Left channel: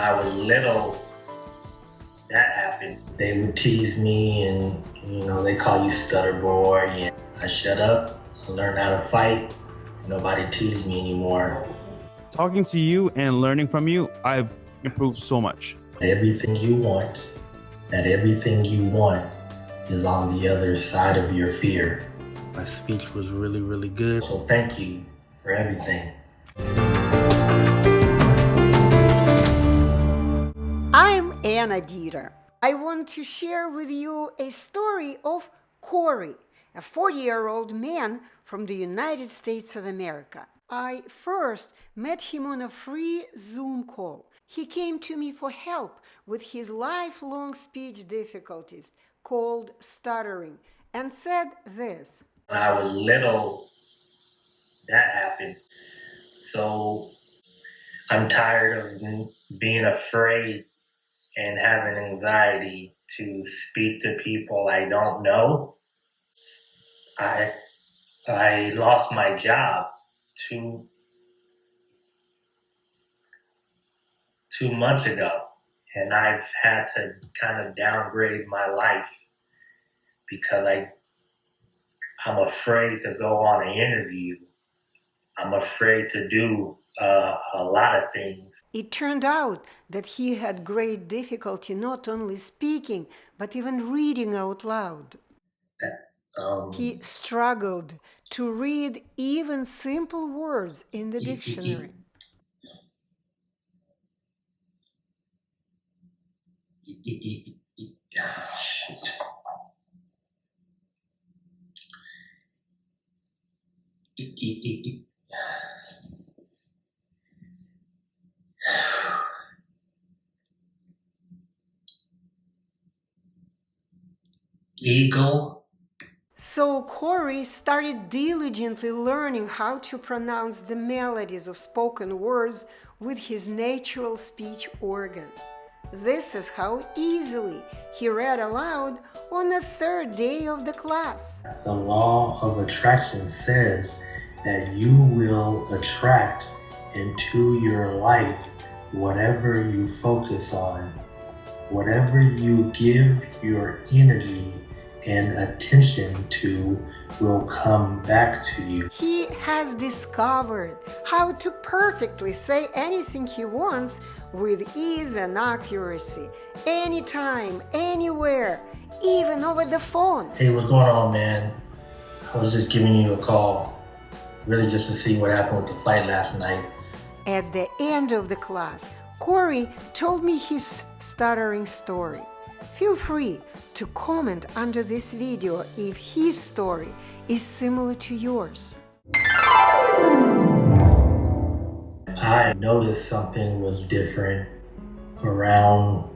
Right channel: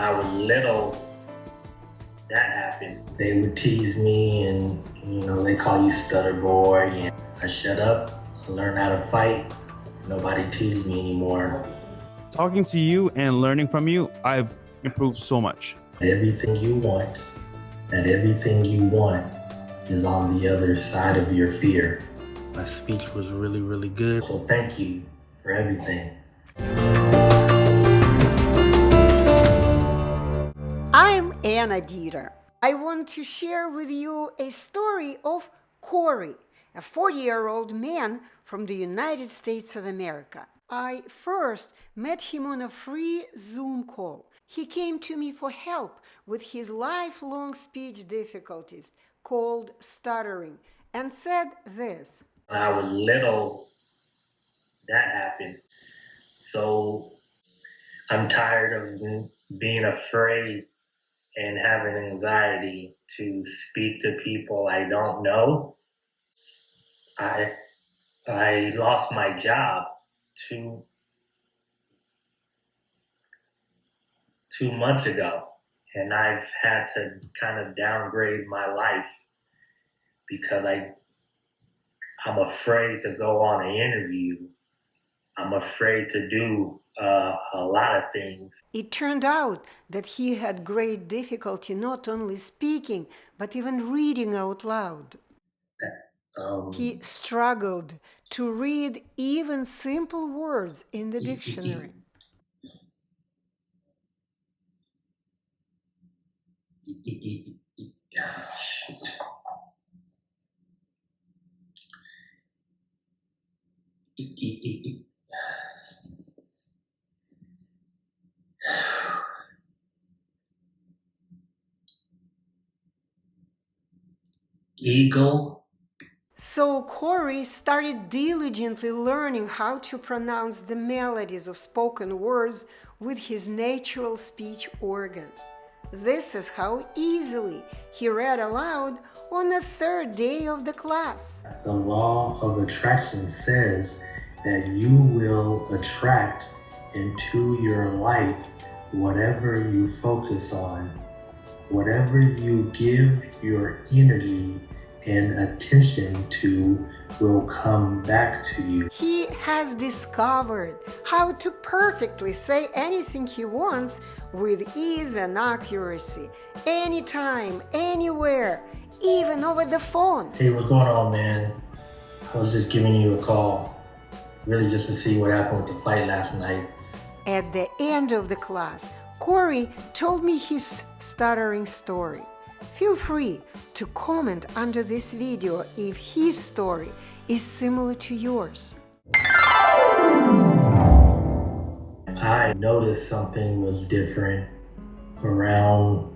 I was little, that happened. They would tease me and, they call you stutter boy. And I shut up, learned how to fight. Nobody teased me anymore. Talking to you and learning from you, I've improved so much. Everything you want, everything you want is on the other side of your fear. My speech was really, really good. So thank you for everything. I'm Anna Deeter. I want to share with you a story of Corey, a 40-year-old man from the United States of America. I first met him on a free Zoom call. He came to me for help with his lifelong speech difficulties called stuttering and said this. When I was little, that happened. So I'm tired of being afraid and having anxiety to speak to people I don't know. I lost my job two months ago, and I've had to kind of downgrade my life because I'm afraid to go on an interview. I'm afraid to do a lot of things. It turned out that he had great difficulty not only speaking, but even reading out loud. He struggled to read even simple words in the dictionary. Eagle. So Corey started diligently learning how to pronounce the melodies of spoken words with his natural speech organ. This is how easily he read aloud on the third day of the class. The law of attraction says that you will attract into your life whatever you focus on. Whatever you give your energy and attention to will come back to you. He has discovered how to perfectly say anything he wants with ease and accuracy, anytime, anywhere, even over the phone. Hey, what's going on, man? I was just giving you a call, really just to see what happened with the fight last night. At the end of the class, Corey told me his stuttering story. Feel free to comment under this video if his story is similar to yours. I noticed something was different around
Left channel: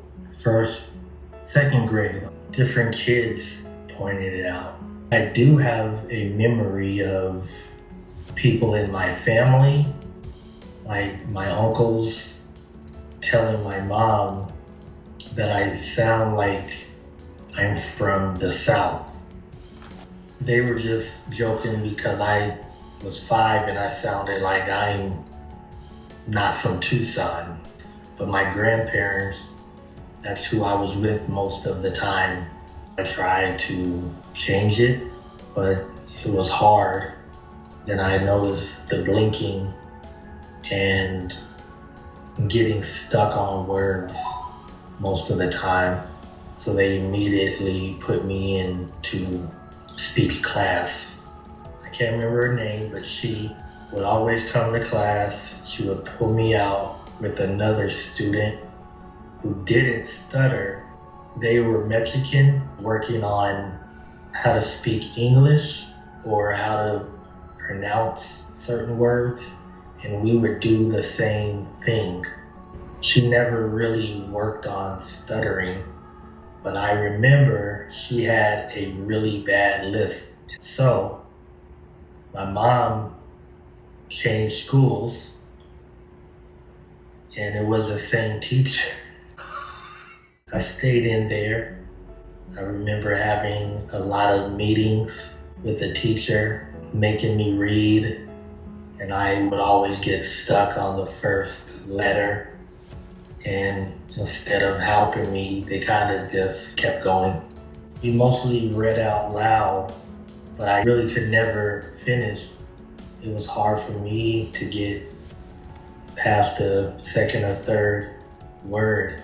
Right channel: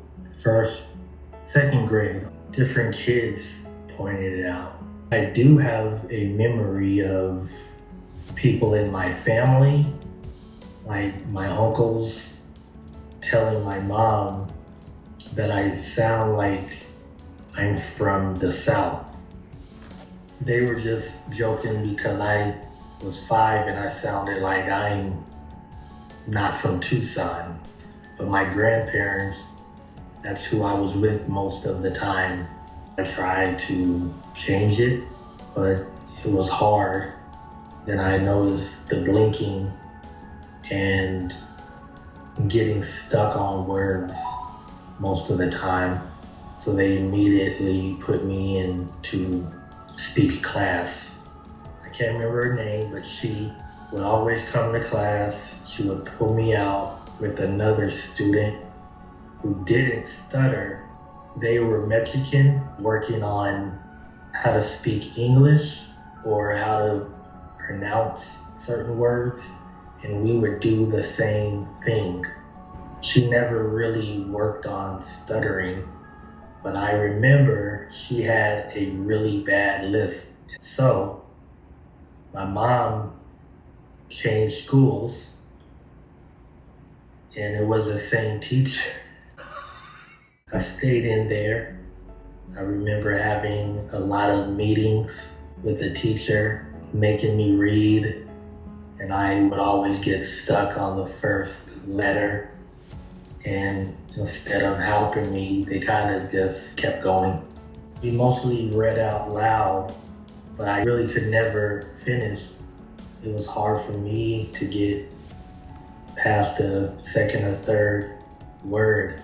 second grade. Different kids pointed it out. I do have a memory of people in my family, like my uncles, telling my mom that I sound like I'm from the South. They were just joking because I was 5 and I sounded like I'm not from Tucson. But my grandparents, that's who I was with most of the time. I tried to change it, but it was hard. Then I noticed the blinking and getting stuck on words most of the time. So they immediately put me into speech class. I can't remember her name, but she would always come to class. She would pull me out with another student who didn't stutter. They were Mexican, working on how to speak English or how to pronounce certain words, and we would do the same thing. She never really worked on stuttering, but I remember she had a really bad lisp. So my mom changed schools, and it was the same teacher. I stayed in there. I remember having a lot of meetings with the teacher, making me read, and I would always get stuck on the first letter. And instead of helping me, they kind of just kept going. We mostly read out loud, but I really could never finish. It was hard for me to get past the second or third word.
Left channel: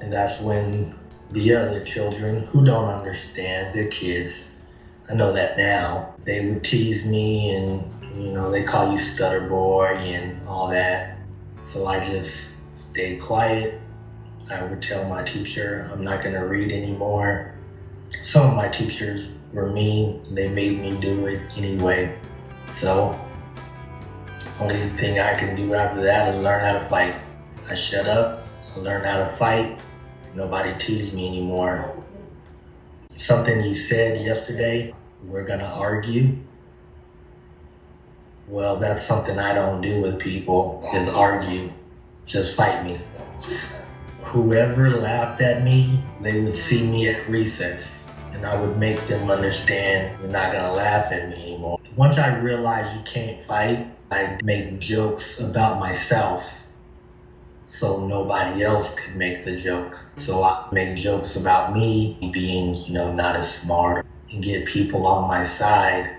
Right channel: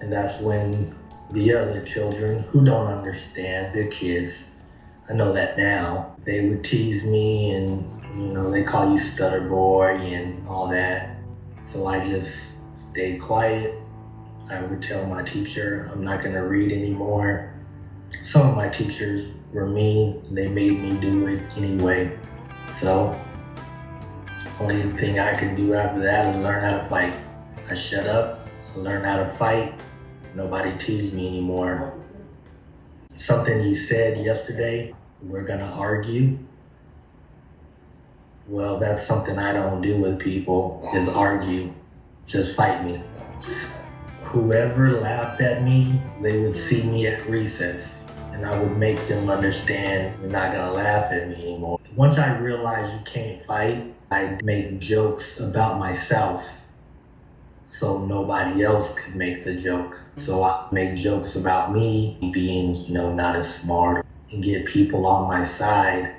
And that's when the other children who don't understand, they're kids, I know that now, they would tease me and, they call you stutter boy and all that. So I just stayed quiet. I would tell my teacher I'm not gonna read anymore. Some of my teachers were mean, they made me do it anyway. So, only thing I can do after that is learn how to fight. I shut up, learn how to fight, nobody teased me anymore. Something you said yesterday, we're gonna argue. Well, that's something I don't do with people, is argue. Just fight me. Whoever laughed at me, they would see me at recess, and I would make them understand they're not gonna laugh at me anymore. Once I realized you can't fight, I make jokes about myself so nobody else could make the joke. So I make jokes about me being, not as smart, and get people on my side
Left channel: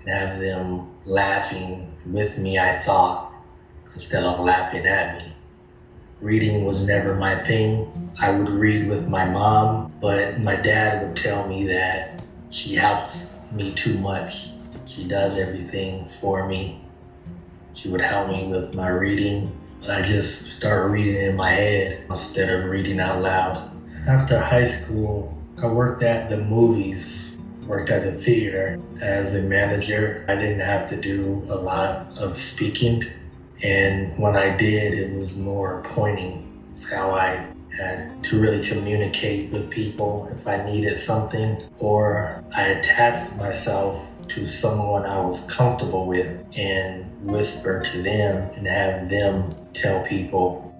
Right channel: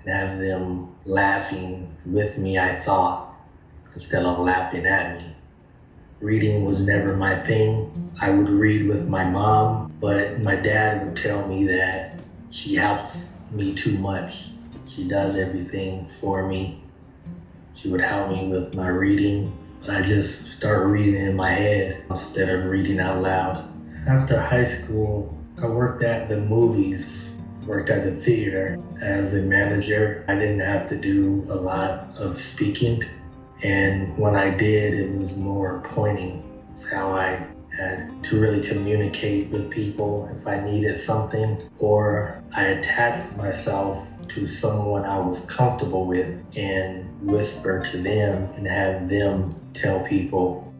and have them laughing with me, I thought, instead of laughing at me. Reading was never my thing. I would read with my mom, but my dad would tell me that she helps me too much. She does everything for me. She would help me with my reading, but I just start reading in my head instead of reading out loud. After high school, I worked at the movies, worked at the theater as a manager. I didn't have to do a lot of speaking, and when I did, it was more pointing. It's how I had to really communicate with people if I needed something, or I attached myself to someone I was comfortable with and whisper to them and have them tell people.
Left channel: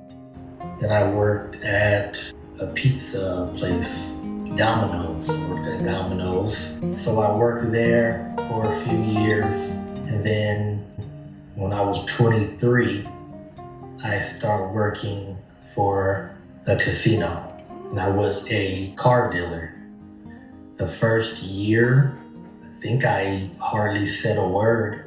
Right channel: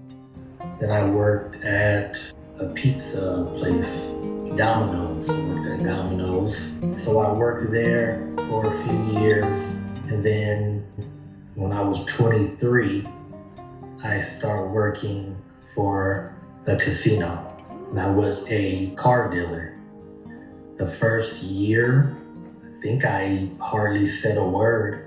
Then I worked at a pizza place, Domino's. Worked at Domino's. So I worked there for a few years, and then when I was 23, I started working for the casino, and I was a car dealer. The first year, I think I hardly said a word.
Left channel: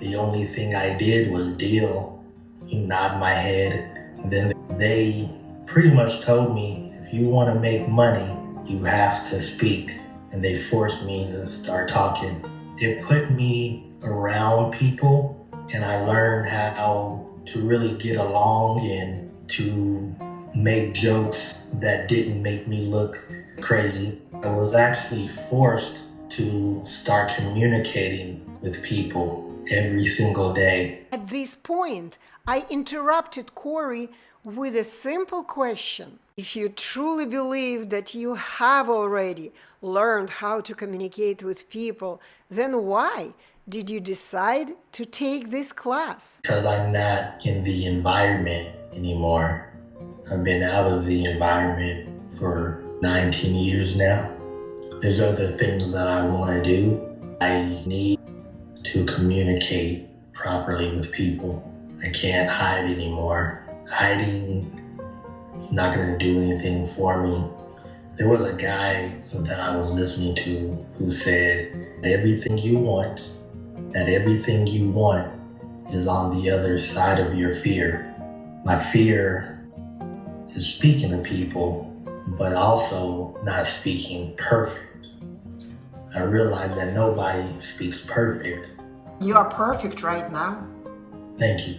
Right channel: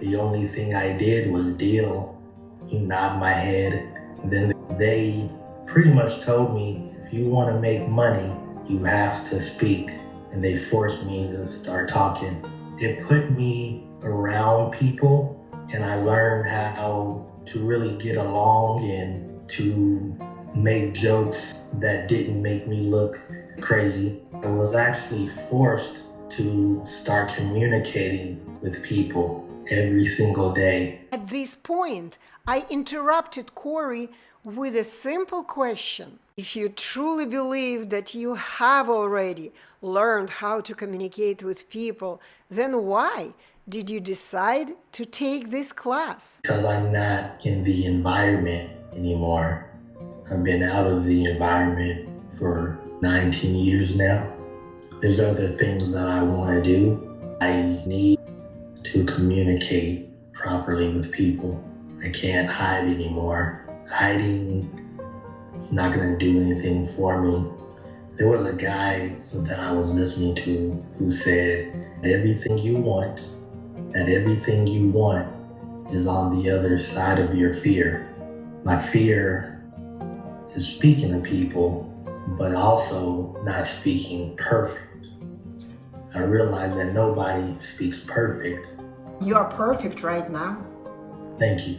The only thing I did was deal, nod my head. Then they pretty much told me, if you want to make money, you have to speak. And they forced me to start talking. It put me around people, and I learned how to really get along and to make jokes that didn't make me look crazy. I was actually forced to start communicating with people every single day. At this point, I interrupted Corey with a simple question. If you truly believe that you have already learned how to communicate with people, then why did you decide to take this class? Because I'm not in the environment anymore. I've been out of the environment for 19 years now. There's other things that I want to do. I need to communicate properly with people. I can't hide anymore. Hiding is not going to do anything for me. There was a guy that I was listening to who said, everything you want, that everything you want is on the other side of your fear. My fear is speaking to people, but also not speaking perfect. I realize that nobody speaks perfect. You are perfect right now. Thank you.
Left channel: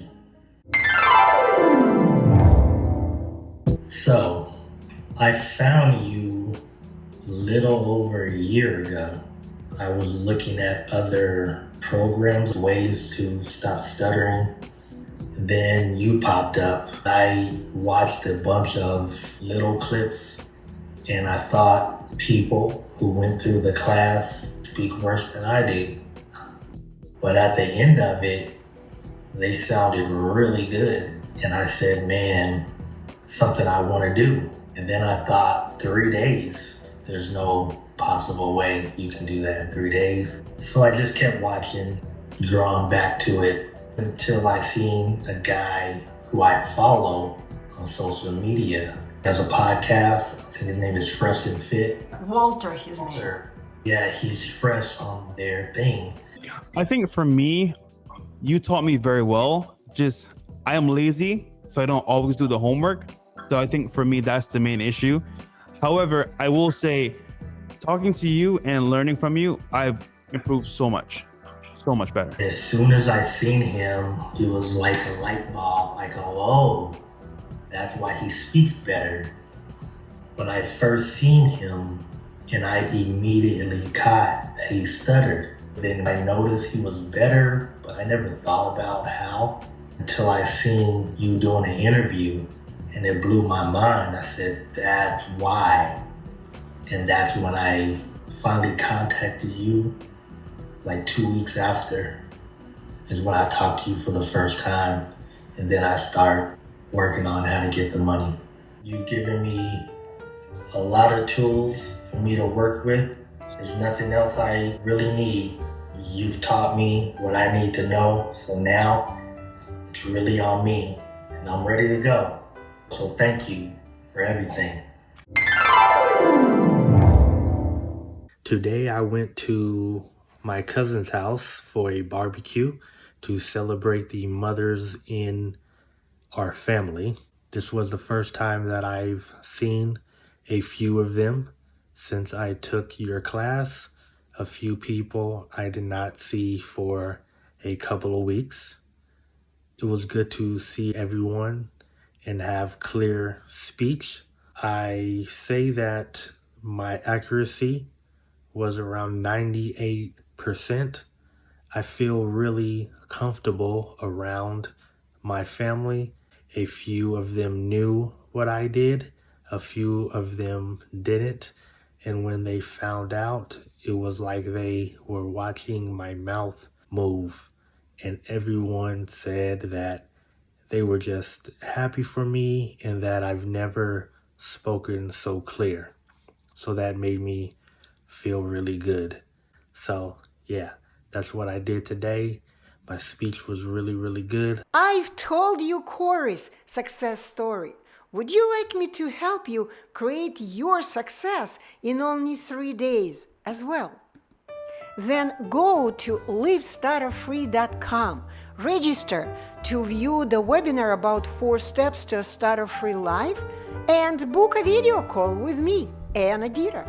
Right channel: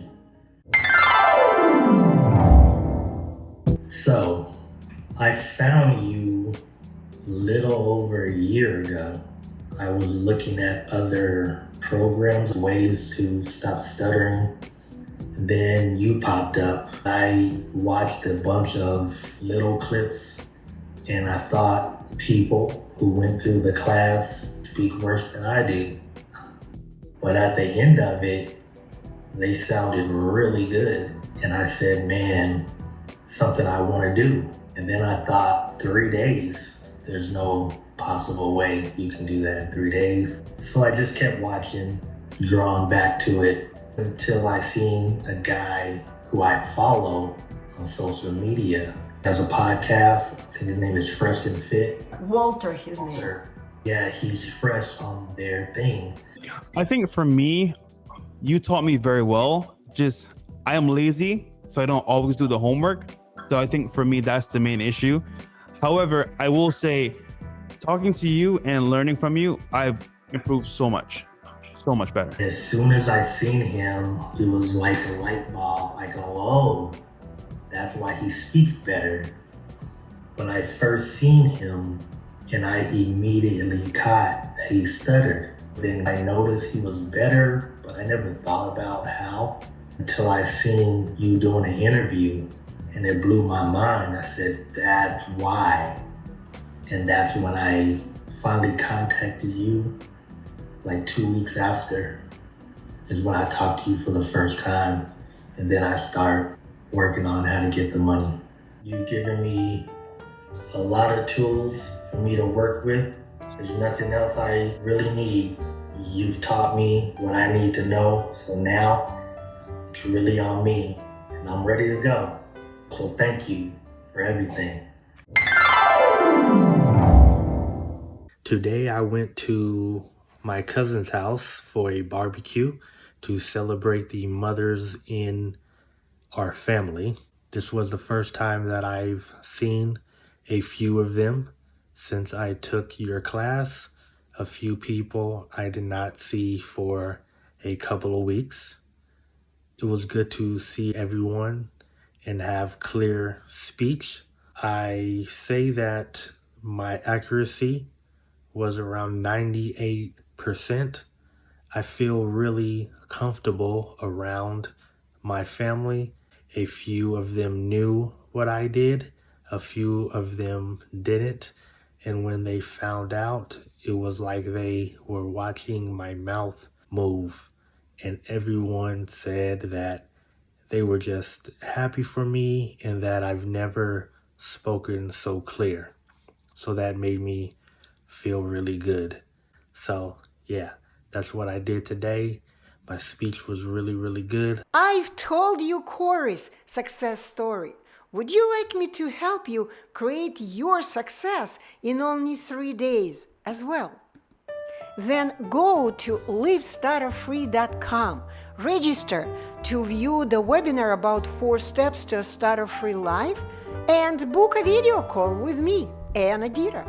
So, I found you a little over a year ago. I was looking at other programs, ways to stop stuttering. Then you popped up. I watched a bunch of little clips, and I thought people who went through the class speak worse than I did. But at the end of it, they sounded really good. And I said, man, something I want to do. And then I thought, 3 days, there's no possible way you can do that in 3 days. So I just kept watching, drawn back to it, until I seen a guy who I follow on social media. Has a podcast. I think his name is Fresh and Fit. Walter, his name. Sir. Yeah, he's fresh on their thing. I think for me, you taught me very well. Just I am lazy, so I don't always do the homework. So I think for me, that's the main issue. However, I will say, talking to you and learning from you, I've improved so much better. As soon as I seen him, it was like a light bulb. I go, oh, that's why he speaks better. When I first seen him, and I immediately caught that he stuttered. Then I noticed he was better, but I never thought about how until I seen you doing an interview, and it blew my mind. I said, that's why. And that's when I finally contacted you, like 2 weeks after, is when I talked to you for the first time. And then I start working on how to get the money. You've given me a lot of tools for me to work with. There's nothing else I really need. You've taught me what I need to know. So now it's really on me and I'm ready to go. So thank you for everything. Today I went to my cousin's house for a barbecue to celebrate the mothers in our family. This was the first time that I've seen a few of them since I took your class. A few people I did not see for a couple of weeks. It was good to see everyone and have clear speech. I say that my accuracy was around 98%. I feel really comfortable around my family. A few of them knew what I did. A few of them didn't. And when they found out, it was like they were watching my mouth move. And everyone said that they were just happy for me and that I've never spoken so clear. So that made me feel really good. So yeah, that's what I did today. My speech was really, really good. I've told you Corey's success story. Would you like me to help you create your success in only 3 days as well? Then go to livestutterfree.com, register to view the webinar about 4 steps to a Stutter-Free life, and book a video call with me, Deeter.